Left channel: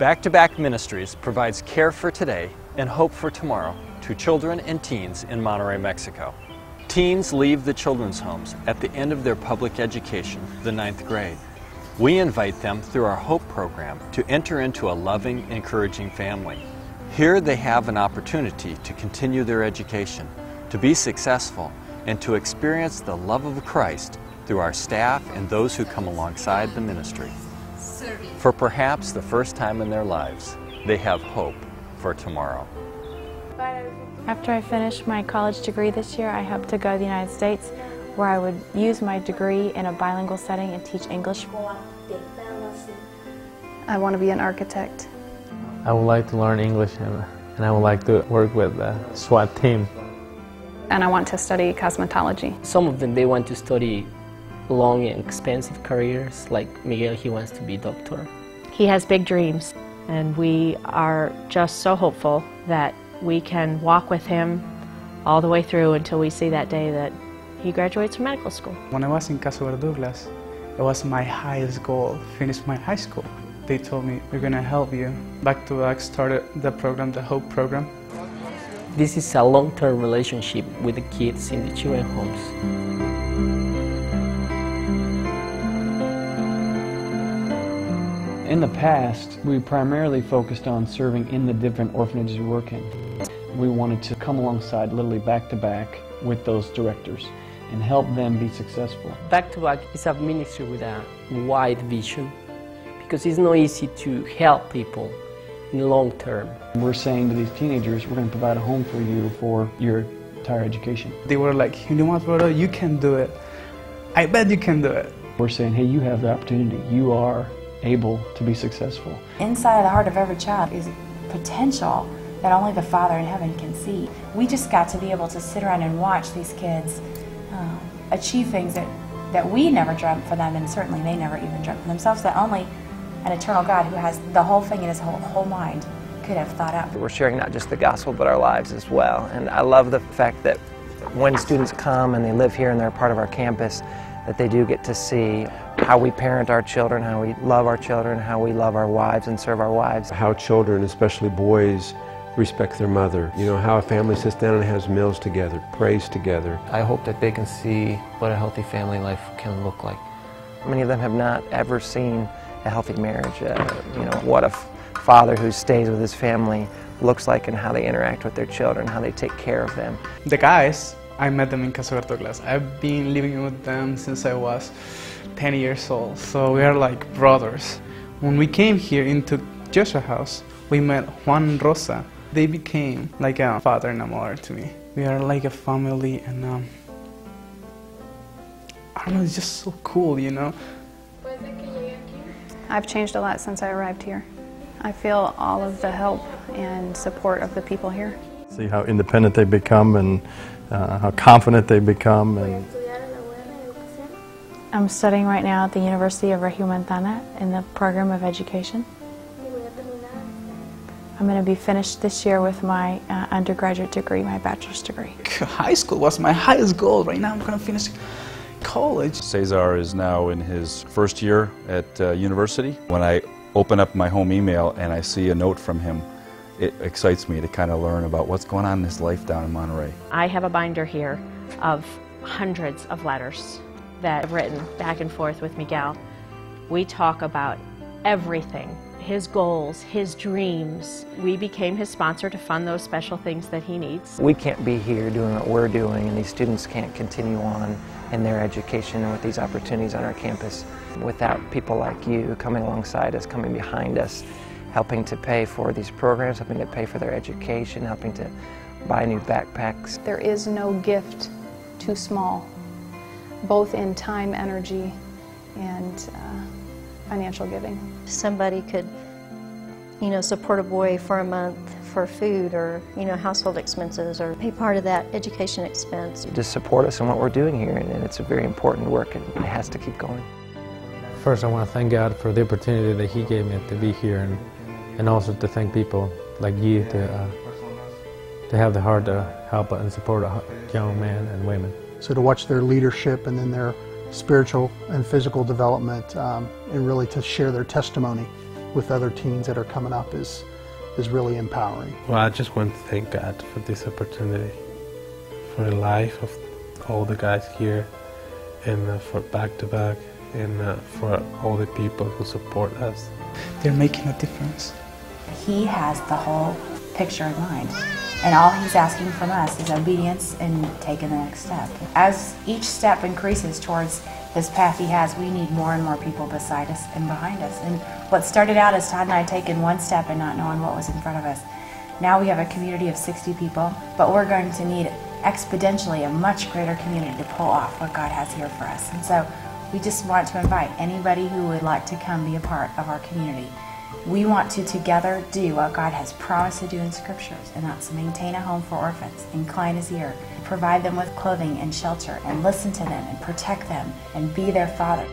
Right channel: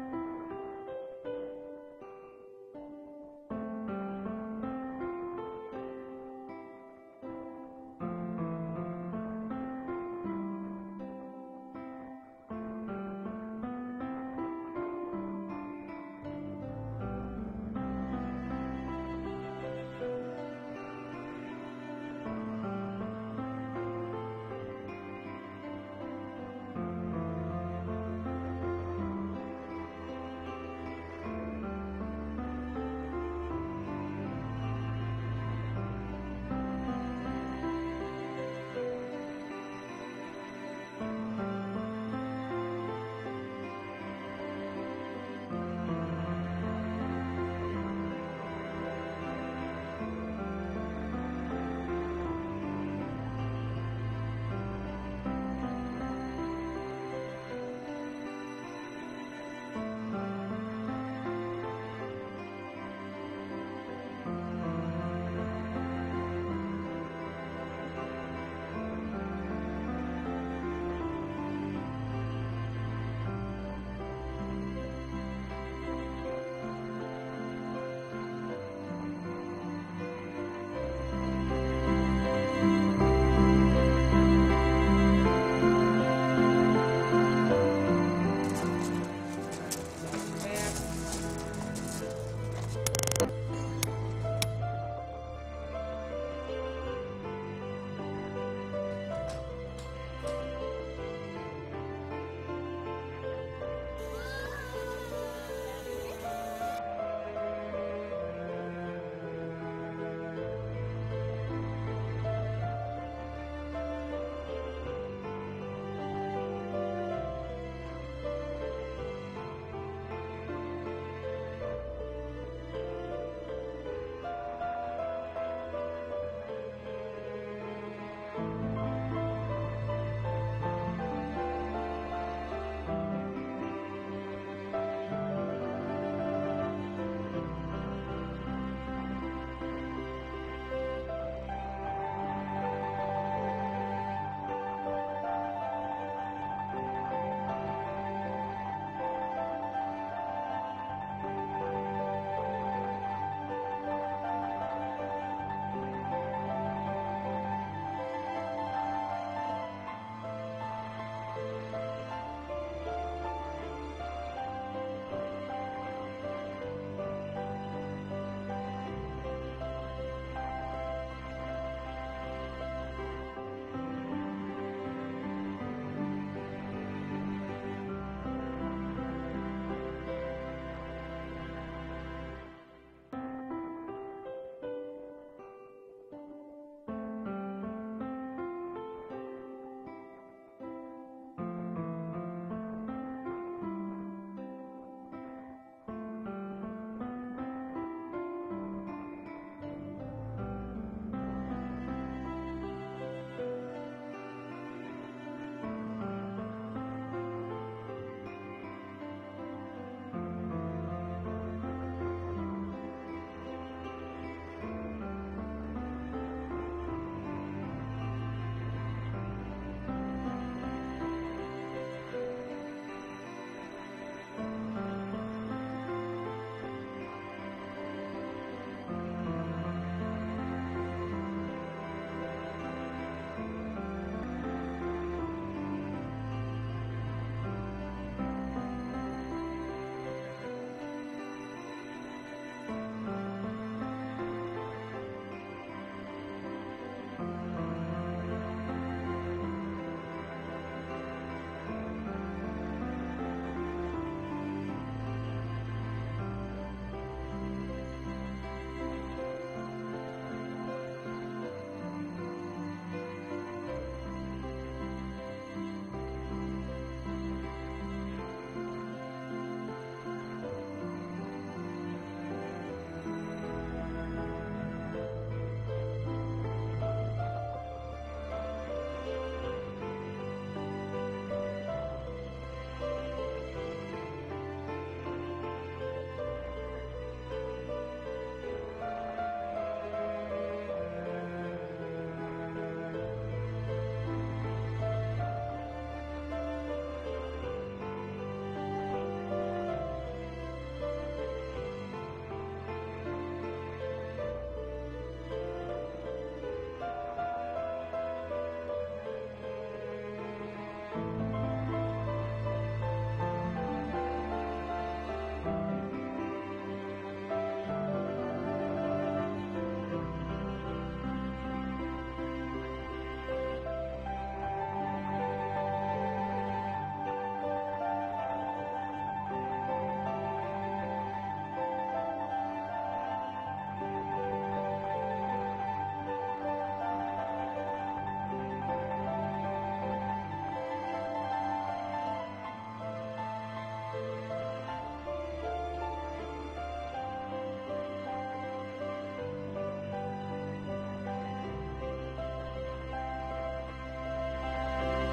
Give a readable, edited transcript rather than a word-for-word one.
Back2Back Ministries provides care for today and hope for tomorrow to children and teens in Monterrey, Mexico. Teens leave the children's homes at the end of their public education, the 9th grade. We invite them through our Hope program to enter into a loving, encouraging family. Here they have an opportunity to continue their education, to be successful, and to experience the love of Christ through our staff and those who come alongside the ministry. For perhaps the first time in their lives, they have hope for tomorrow. After I finished my college degree this year, I hope to go to the United States, where I would use my degree in a bilingual setting and teach English. I want to be an architect. I would like to learn English, and I would like to work with the SWAT team. And I want to study cosmetology. Some of them, they want to study long and expensive careers, like Miguel, he wants to be a doctor. He has big dreams, and we are just so hopeful that we can walk with him all the way through until we see that day that he graduates from medical school. When I was in Caso Verduras, it was my highest goal, finish my high school. They told me, we're going to help you. Back2Back started the program, the Hope program. This is a long-term relationship with the kids in the children's homes. In the past, we primarily focused on serving in the different orphanages we work in. We wanted to come alongside literally back-to-back with those directors and help them be successful. Back2Back is a ministry with a wide vision, because it's not easy to help people in the long term. We're saying to these teenagers, we're going to provide a home for you for your entire education. They were like, you know what, brother, you can do it. I bet you can do it. We're saying, hey, you have the opportunity. You are able to be successful. Inside the heart of every child is potential that only the Father in heaven can see. We just got to be able to sit around and watch these kids achieve things that we never dreamt for them, and certainly they never even dreamt for themselves, that only an eternal God who has the whole thing in his whole mind could have thought up. We're sharing not just the gospel but our lives as well, and I love the fact that when students come and they live here and they're part of our campus, that they do get to see how we parent our children, how we love our children, how we love our wives and serve our wives. How children, especially boys, respect their mother. You know, how a family sits down and has meals together, prays together. I hope that they can see what a healthy family life can look like. Many of them have not ever seen a healthy marriage. You know, what a father who stays with his family looks like, and how they interact with their children, how they take care of them. The guys, I met them in Caso Verduras. I've been living with them since I was 10 years old, so we are like brothers. When we came here into Joshua's house, we met Juan and Rosa. They became like a father and a mother to me. We are like a family, and I don't know, it's just so cool, you know? I've changed a lot since I arrived here. I feel all of the help and support of the people here. See how independent they become and how confident they become. I'm studying right now at the University of Regiomontana in the program of education. I'm going to be finished this year with my undergraduate degree, my bachelor's degree. High school was my highest goal. Right now I'm going to finish college. Cesar is now in his first year at university. When I open up my home email and I see a note from him, it excites me to kind of learn about what's going on in his life down in Monterrey. I have a binder here of hundreds of letters that I've written back and forth with Miguel. We talk about everything, his goals, his dreams. We became his sponsor to fund those special things that he needs. We can't be here doing what we're doing, and these students can't continue on in their education and with these opportunities on our campus without people like you coming alongside us, coming behind us, helping to pay for these programs, helping to pay for their education, helping to buy new backpacks. There is no gift too small, both in time, energy, and financial giving. Somebody could, you know, support a boy for a month for food or, you know, household expenses, or be part of that education expense. Just support us in what we're doing here, and it's a very important work, and it has to keep going. First, I want to thank God for the opportunity that He gave me to be here, and also to thank people like you to have the heart to help and support young men and women. So to watch their leadership and then their spiritual and physical development, and really to share their testimony with other teens that are coming up is really empowering. Well, I just want to thank God for this opportunity, for the life of all the guys here, and for Back2Back, and for all the people who support us. They're making a difference. He has the whole picture in mind, and all he's asking from us is obedience and taking the next step. As each step increases towards this path he has, we need more and more people beside us and behind us. And what started out as Todd and I taking one step and not knowing what was in front of us, now we have a community of 60 people, but we're going to need exponentially a much greater community to pull off what God has here for us. And so we just want to invite anybody who would like to come be a part of our community. We want to together do what God has promised to do in Scriptures, and that's maintain a home for orphans, incline his ear, provide them with clothing and shelter, and listen to them and protect them and be their father.